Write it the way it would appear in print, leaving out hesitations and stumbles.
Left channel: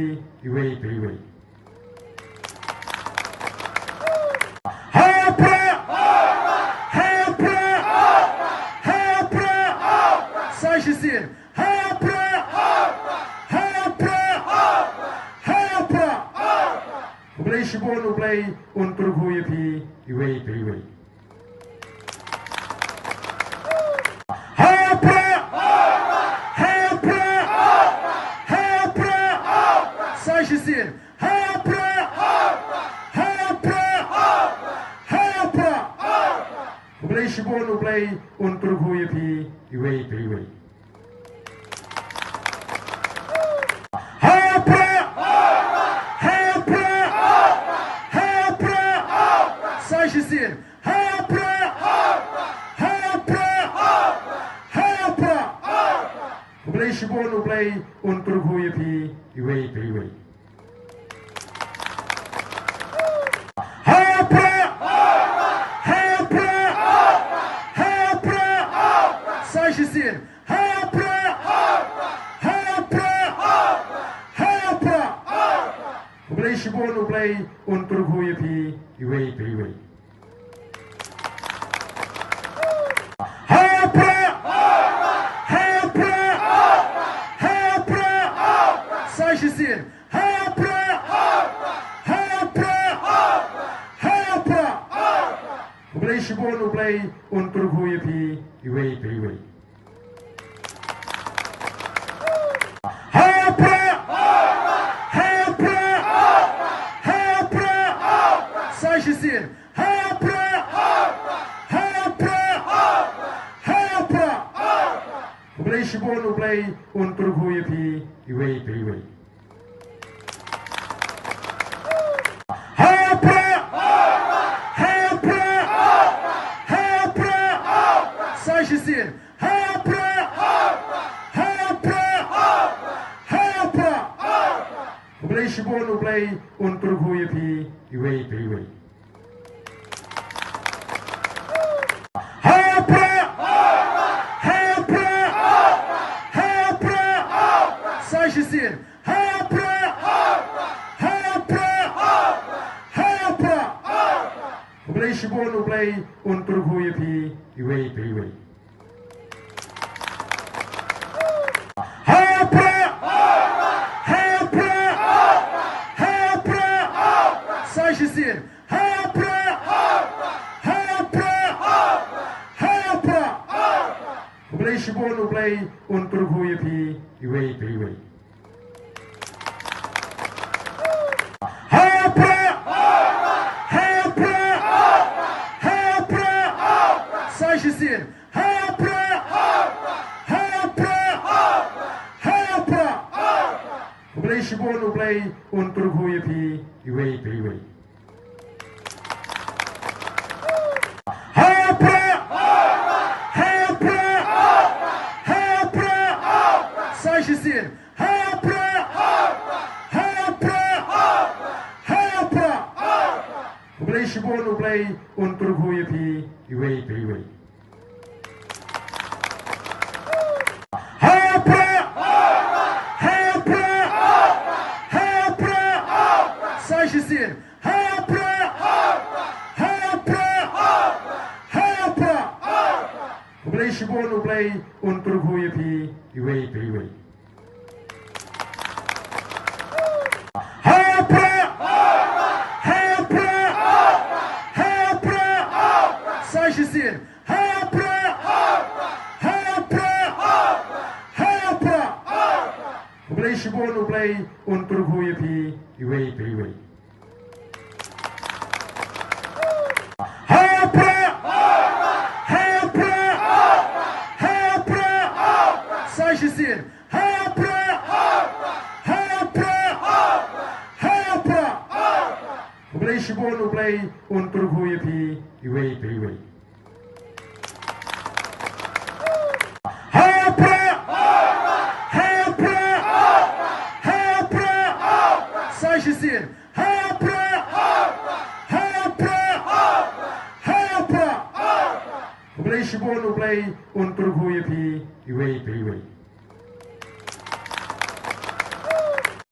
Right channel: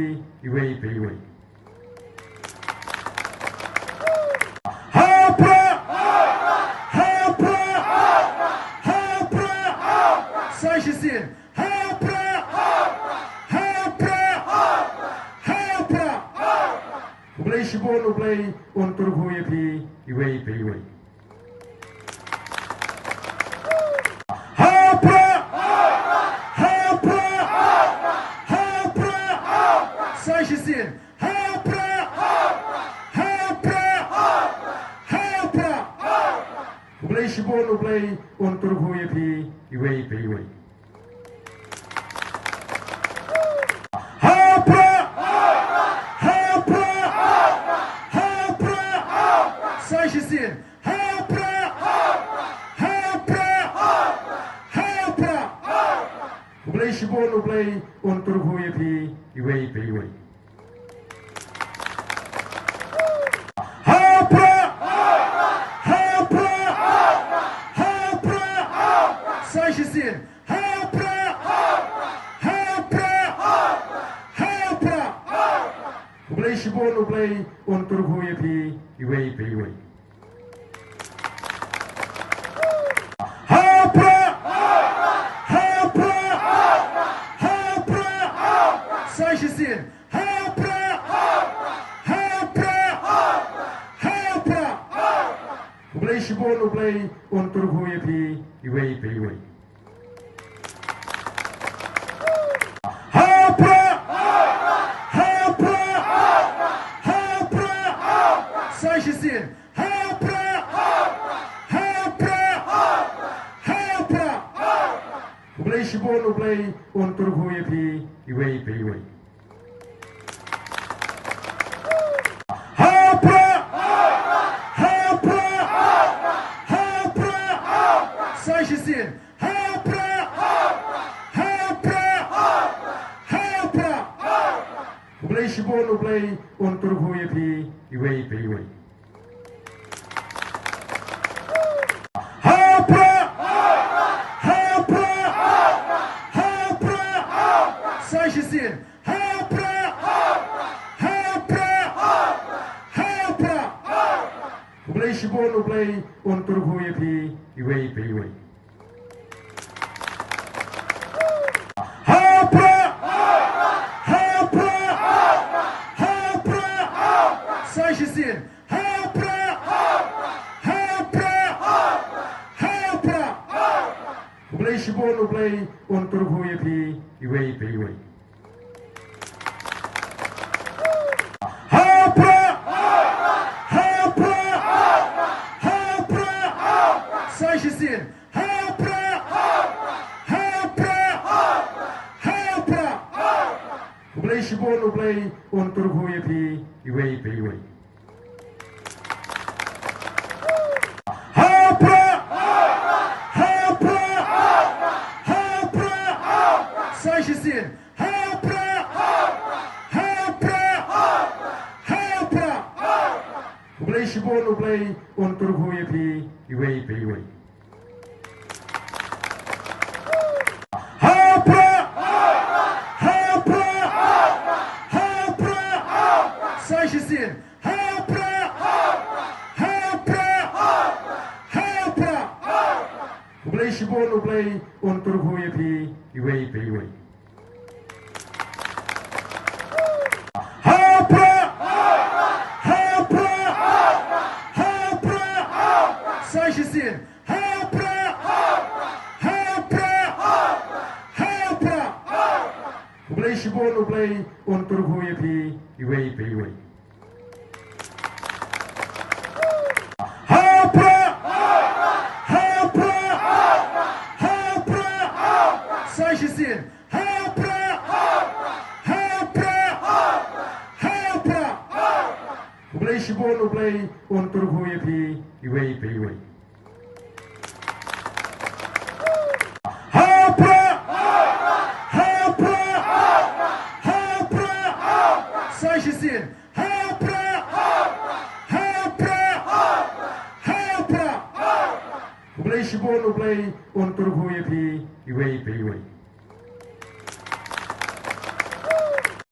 pi iwei pe iwei. Sin. Ublay shibun ublay untuk huyu pi iwei pe iwei. Sin. Ublay shibun ublay untuk huyu pi iwei pe iwei. Sin. Ublay shibun ublay untuk huyu pi iwei pe iwei. Sin. Ublay shibun ublay untuk huyu pi iwei pe iwei. Sin. Ublay shibun ublay untuk huyu pi iwei pe iwei. Sin. Ublay shibun ublay untuk huyu pi iwei pe iwei. Sin. Ublay shibun ublay untuk huyu pi iwei pe iwei. Sin. Ublay shibun ublay untuk huyu pi iwei pe iwei. Sin. Ublay shibun ublay untuk huyu pi iwei pe iwei. Sin. Ublay shibun ublay untuk huyu pi iwei pe iwei. Sin. Ublay shibun ublay untuk huyu pi iwei pe iwei. Sin. Ublay shibun ublay untuk huyu pi iwei pe iwei. Sin. Ublay shibun ublay untuk huyu pi iwei pe iwei. Sin. Ublay shibun ublay untuk huyu pi iwei pe iwei. Sin. Ublay shibun ublay untuk huyu pi iwei pe iwei.